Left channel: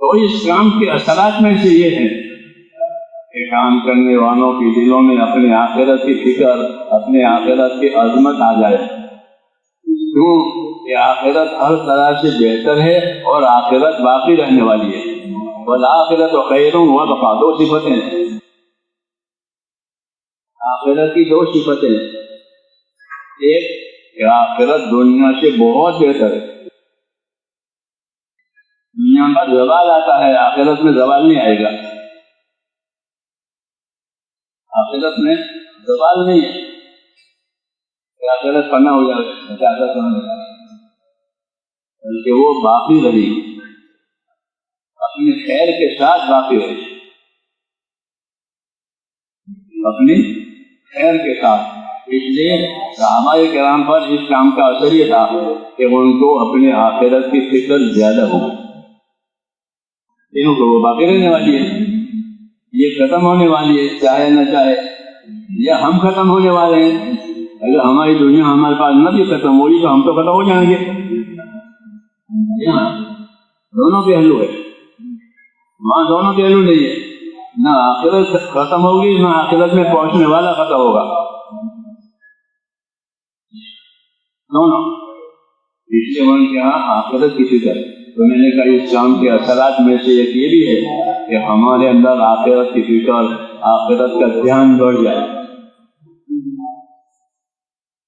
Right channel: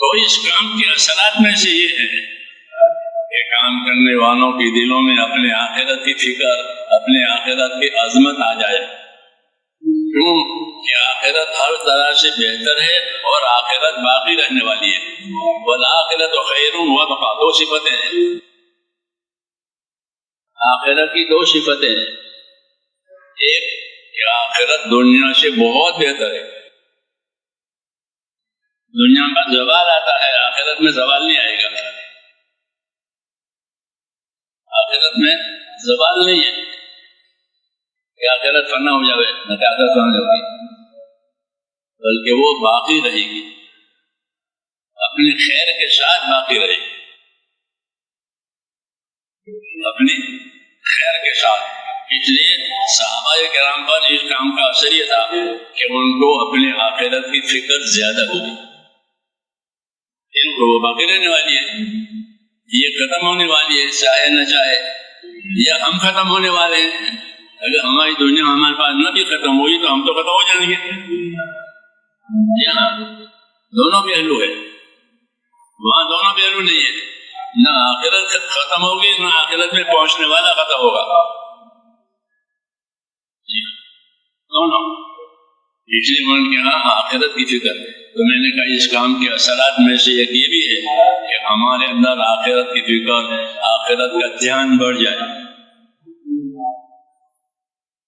تو اس کام کے اثرات میں سے یہ ہے کہ کام کرنے والوں کے دلوں میں اپنے آخرت کی فکر، اپنے آخرت کی عظمت آ جائے. کیوں کہ آخرت ہر طرح سے بہتر ہے اور آخرت باقی رہنے والی ہے. والآخرت خیر وابقیٰ، دو صفتیں ہیں آخرت کی، دو صفتیں ہیں. ایک کہ آخرت دنیا سے بہت بہتر ہے. دنیا میں زوال آتا ہے، آخرت میں زوال نہیں آئے گا. آخرت میں زوال نہیں ہے کہ آخرت فنا ہو جائے، نہ کہ آخرت فنا ہو جائے، بلکہ وہ باقی رہے گی، اپنی خیر کے ساتھ باقی رہے گی، اپنی خیر کے ساتھ. اس لیے صحابہ کرام پر اس کام کا اثر یہ تھا کہ ان کو اپنے آخرت کی فکر زیادہ ہوگی. ان کو وہ باقی رہنے والی ہے، یہ ختم ہونے والی ہے، چاہے نہ چاہے. یا ہم ختم ہونے والے ہیں، اگر ہماری دنیا ہمارے پاس نہ بھی ختم ہوئی تو ہم تو ختم ہو جائیں گے. یہاں دونوں پہلو ہے، وہاں دونوں پہلو نہیں ہے. نہ آخرت ختم ہوگی، نہ آخرت میں پہنچنے والا ختم ہوگا، دونوں. اس لیے ان کے ہاں آخرت کی فکر. تو میں نے کہا اس کام کے اثرات میں سے ایک یہ بھی ہے کہ ہمارے اندر آخرت کی فکر، آخرت کا دھیان بڑھ جائے.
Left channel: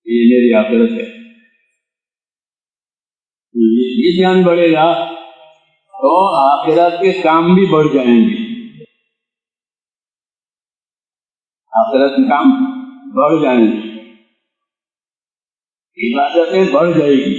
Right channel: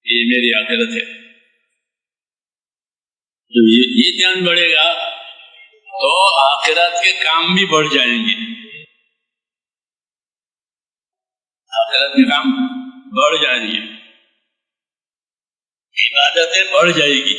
یہ میری آخرت ہے. تو یہ دھیان بڑھے گا تو آخرت کے کام بھی بڑھ جائیں گے. آخرت کے کام بڑھ جائیں گے، عبادتیں بڑھ جائے گی.